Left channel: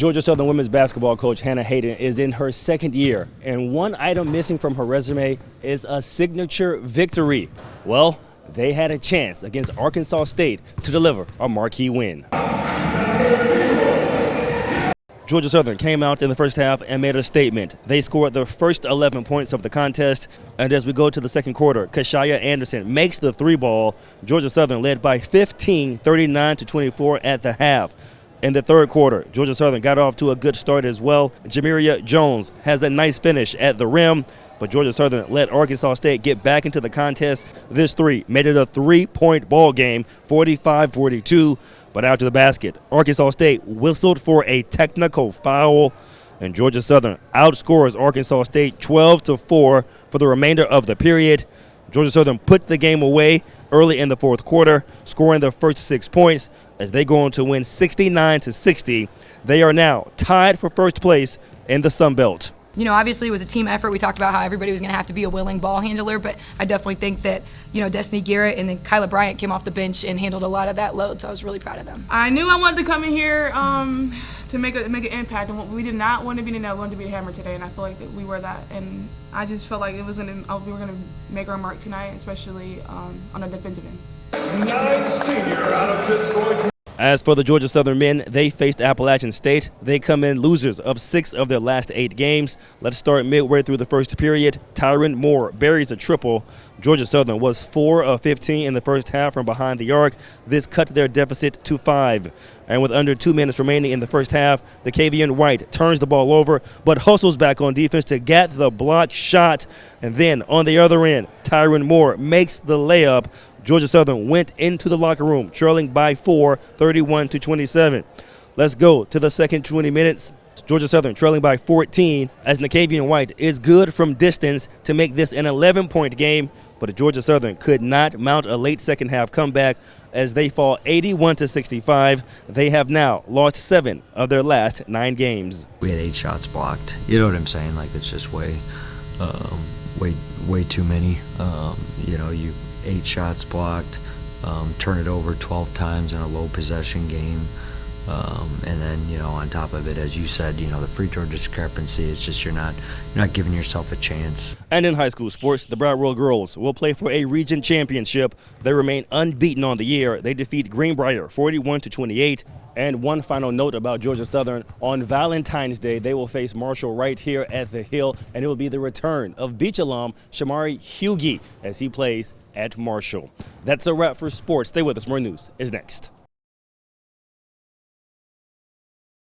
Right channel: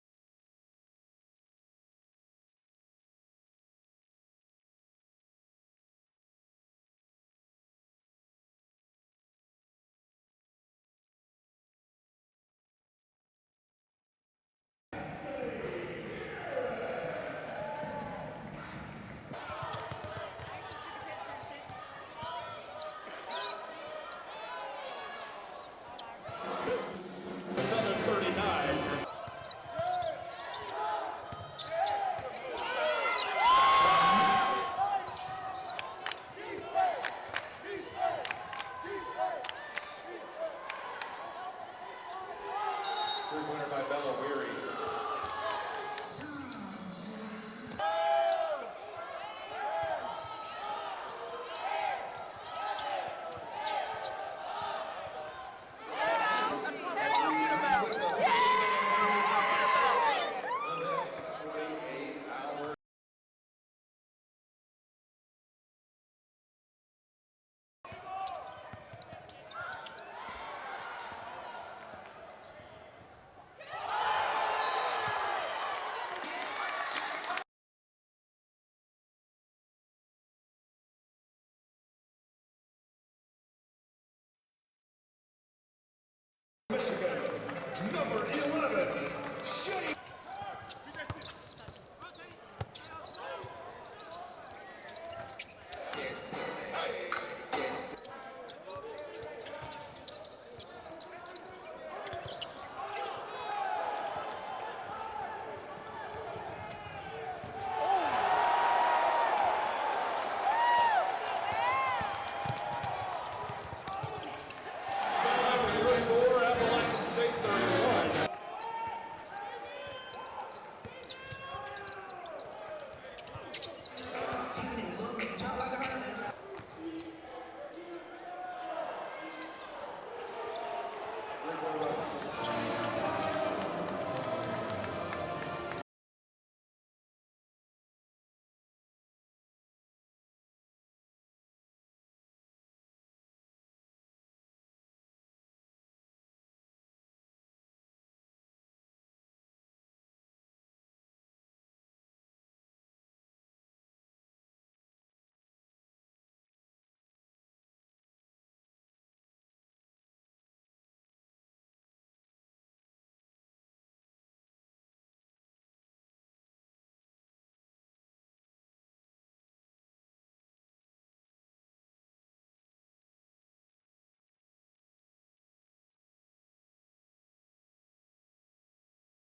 Georgia Southern women's basketball coach Hannah Hayden is in her second year, and one item missing from her resume is a signature victory. Well, they had a chance against Arkansas State to deliver a marquee win. Georgia Southern came out in the first half and made a statement. They scored the first 11 points of the contest, and as we go to the second quarter, Kashaya Anderson makes the three ball. Georgia Southern led by 15, 39-24 at the half. In the third quarter, Georgia Southern got off to a good start as well. Jamiria Jones has a nice finish at the rim, but Georgia Southern let Arkansas State get back into the contest. This three made it a three-point ball game, 45-42. But out to the basket, Arkansas State whistled for a technical foul, and Georgia Southern outscores Arkansas State 12-4 for the remainder of the period. Georgia Southern put the game away early in the fourth quarter, scoring the first 6 points as they go on to win 69-60. They are now tied for first place in the Sun Belt. You know, obviously it was a team effort. We talked about how everybody was going to have to be a willing ball handler, but I definitely think that, you know, Destiny Garrett and then Kyla Bryant came off the bench and handled a lot of that load, so I was really proud of them. I knew I wanted to come in here to make an impact, and we did not want to be in that run to be the hammer today, and I feel like that we were that, and I just felt like we were going to make our mark tonight, especially on the defensive end. As for the Georgia Southern men, they faced Appalachian State. They come in losers of 6 of their last 8 games. Let's start midway through the first period. Tyron Moore buries a triple. Georgia Southern was 4 of 15 in the first half from behind the arc. This cut their deficit to 5. And with under 2 minutes remaining in the first half, the Kavian White turns the ball over, but hustles back on defense to get the block shot. And then on the other end, Tyron Moore makes the layup. Georgia Southern went into the locker room trailing by 4, 31-27. Let's go to the second 20 minutes. Georgia Southern trailing by 14 as Nakavian White is good from distance to make this an 11-point game, but Georgia Southern could not mount a late second half comeback as they fall 81-65. They have now lost 7 of their last 9 games. We had 8 shots blocked. You know what I'm saying? Like, it's just way too many. You know, 8 shots blocked, turn it over 12 times in a low possession game. And then, you know, on top of it, as you said, you know, the free throw discrepancy, it's just you're not giving yourself a chance. And in high school sports, the Broward Royal girls will play for a region championship. They remain unbeaten on the year. They defeat Greenbrier 41-28. And one final note about Georgia Southern, on Valentine's Day, they will face Marshall right here at the Hill, and it will be the return of Beach alum Shamari Hughey as he plays at Marshall. That's a wrap for sports. Stay with us. More news is next.